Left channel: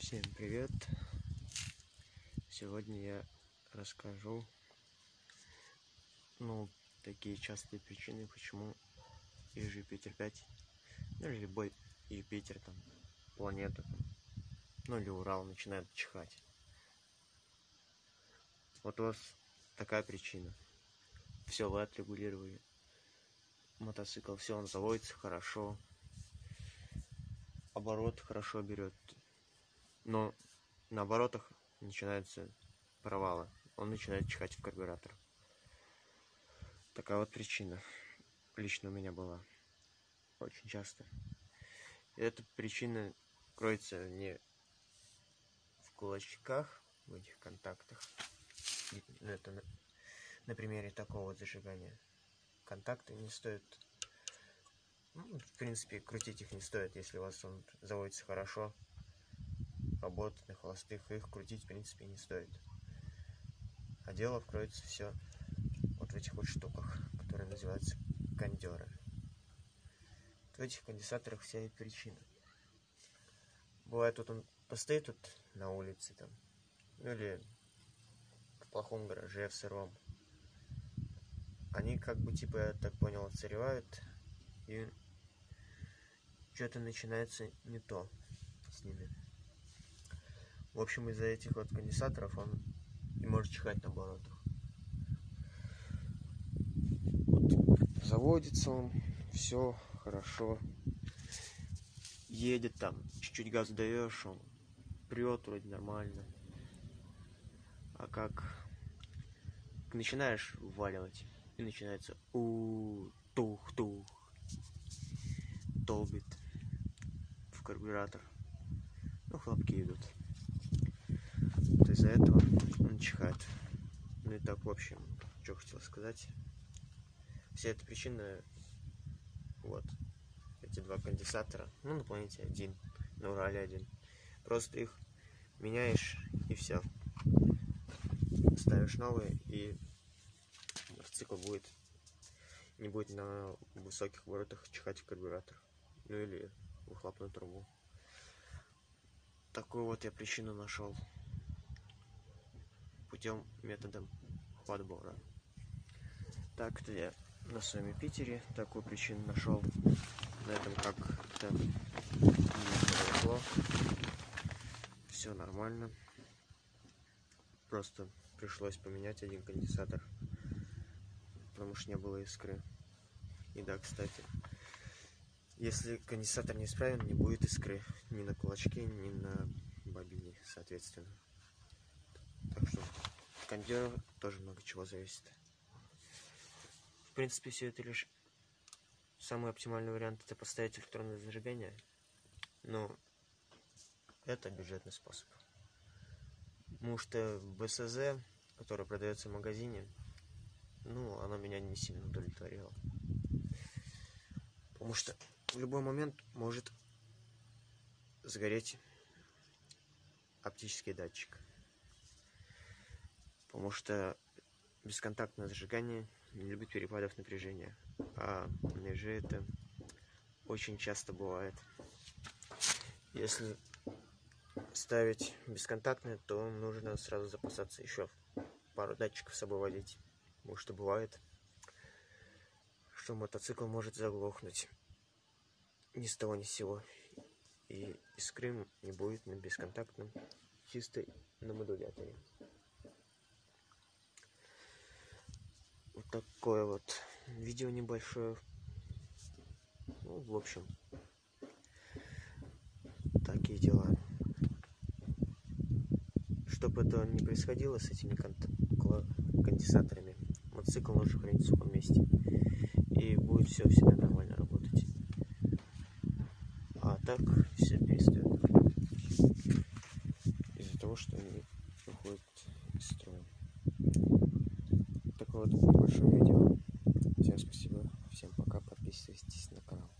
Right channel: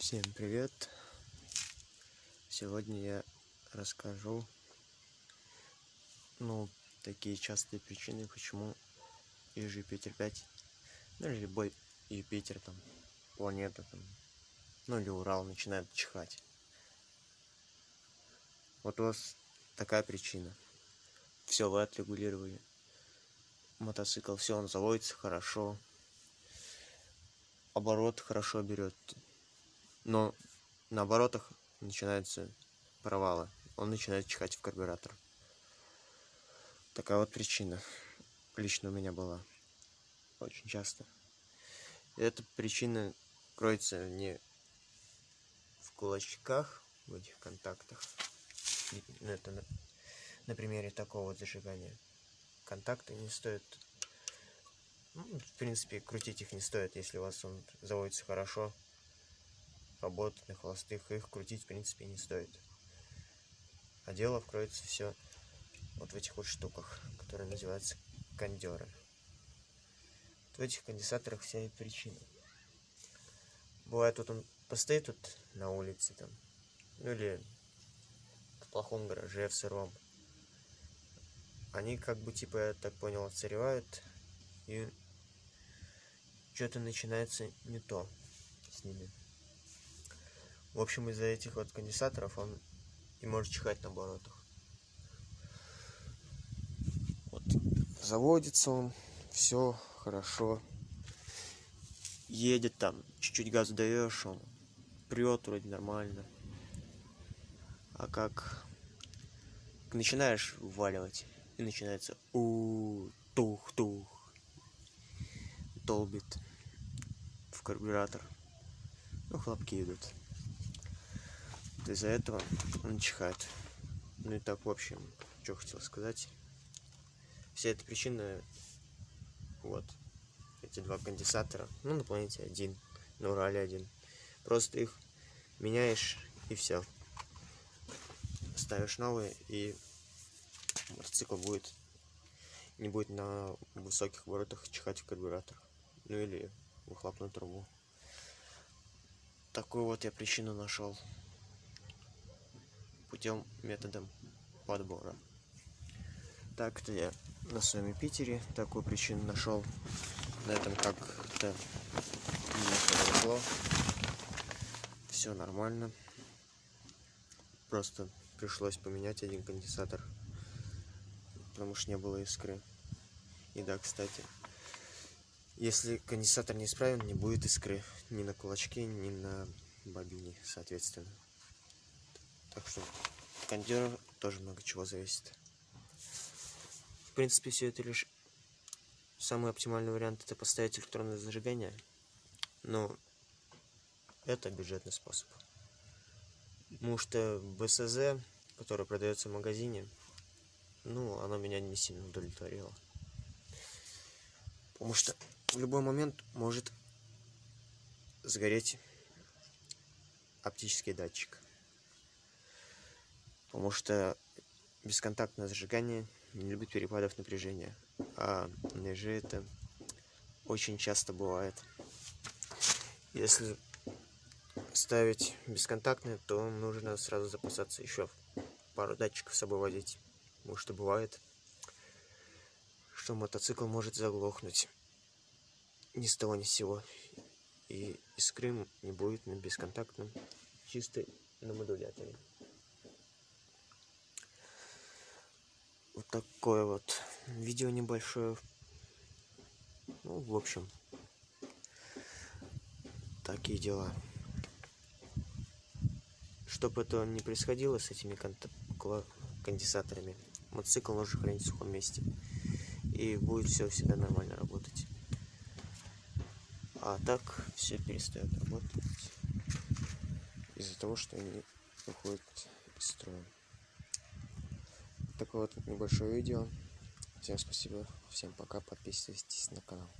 Всем привет! Сегодня я расскажу, такие частые причины, почему Юпитер 5, или любой Юпитер, планета, или Урал начинает чихать. Вот у вас такая причина. Все, вы отрегулировали мотоцикл, все, он заводится хорошо, оборот хорошо берет, но на оборотах начинаются провалы, он начинает чихать в карбюратор. Такая вот причина лично у меня была очень часто. И эта причина кроется не в кулачках, в этих контактах. Это на примере такого вот зажигания. Контакты не стоит, в принципе, крутить их не стоит, если у вас он заводится хорошо, работает на холостых, их крутить в принципе не стоит. А дело кроется все вот в этих вот штуках, которые называются кондеры. В этих конденсаторах вся причина. Бывает, вот он постоит тут на улице, или в плохом гараже, в сыром. Они я так понял, отсыревают, и что-то начинается не то с ними. В общем, из-за этих вот конденсаторов он и может чихать на оборотах. Вот заводится он, все хорошо, едет чуть-чуть газ даешь, он прет вроде нормально. А как начинаешь вваливать, и начинается тух-тух, долбит в карбюратор, хлопки идут. Вот из-за этого он чихает. Ну и так, в общем, что хотел сказать. Вся эта причина, вот, эти два конденсатора, на планете один, на Урале один. Просто их меняешь, и все. Ставишь новые, и мотоцикл не будет на высоких оборотах чихать в карбюратор, или в выхлопную трубу. Такую вот я причину нашел методом подбора. Так-то я на своем Юпитере такую причину нашел. На этом как-то не повезло. Все нормально. Просто пришлось поменять один конденсатор, потому что не было искры. И да, кстати, если конденсатор не исправен, не будет искры ни на кулачке, ни на бобине, соответственно. Так что кондера тоже много чего зависит. В принципе, все это лишь самый оптимальный вариант — это поставить электронное зажигание, но это бюджетный способ. Потому что БСЗ, которое продается в магазине, оно меня не сильно удовлетворило. Потому что в любой момент может сгореть оптический датчик. Потому что бесконтактное зажигание не любит перепадов напряжения. А на ЕЖ это очень часто бывает. Если ставить бесконтактное, то нужно сразу запасаться еще пару датчиков с собой возить. Потому что бывает, что мотоцикл может заглохнуть ни с того ни с сего. И искры не будет на бесконтактном, чисто на модуляторе. Вот такое вот видео небольшое. В общем, такие дела. Чтобы этого не происходило с этими конденсаторами, мотоцикл нужно хранить в сухом месте, и будет все всегда нормально работать. А так все перестает работать из-за того, что они выходят из строя. Такое вот небольшое видео. Всем спасибо, всем пока, подписывайтесь на канал.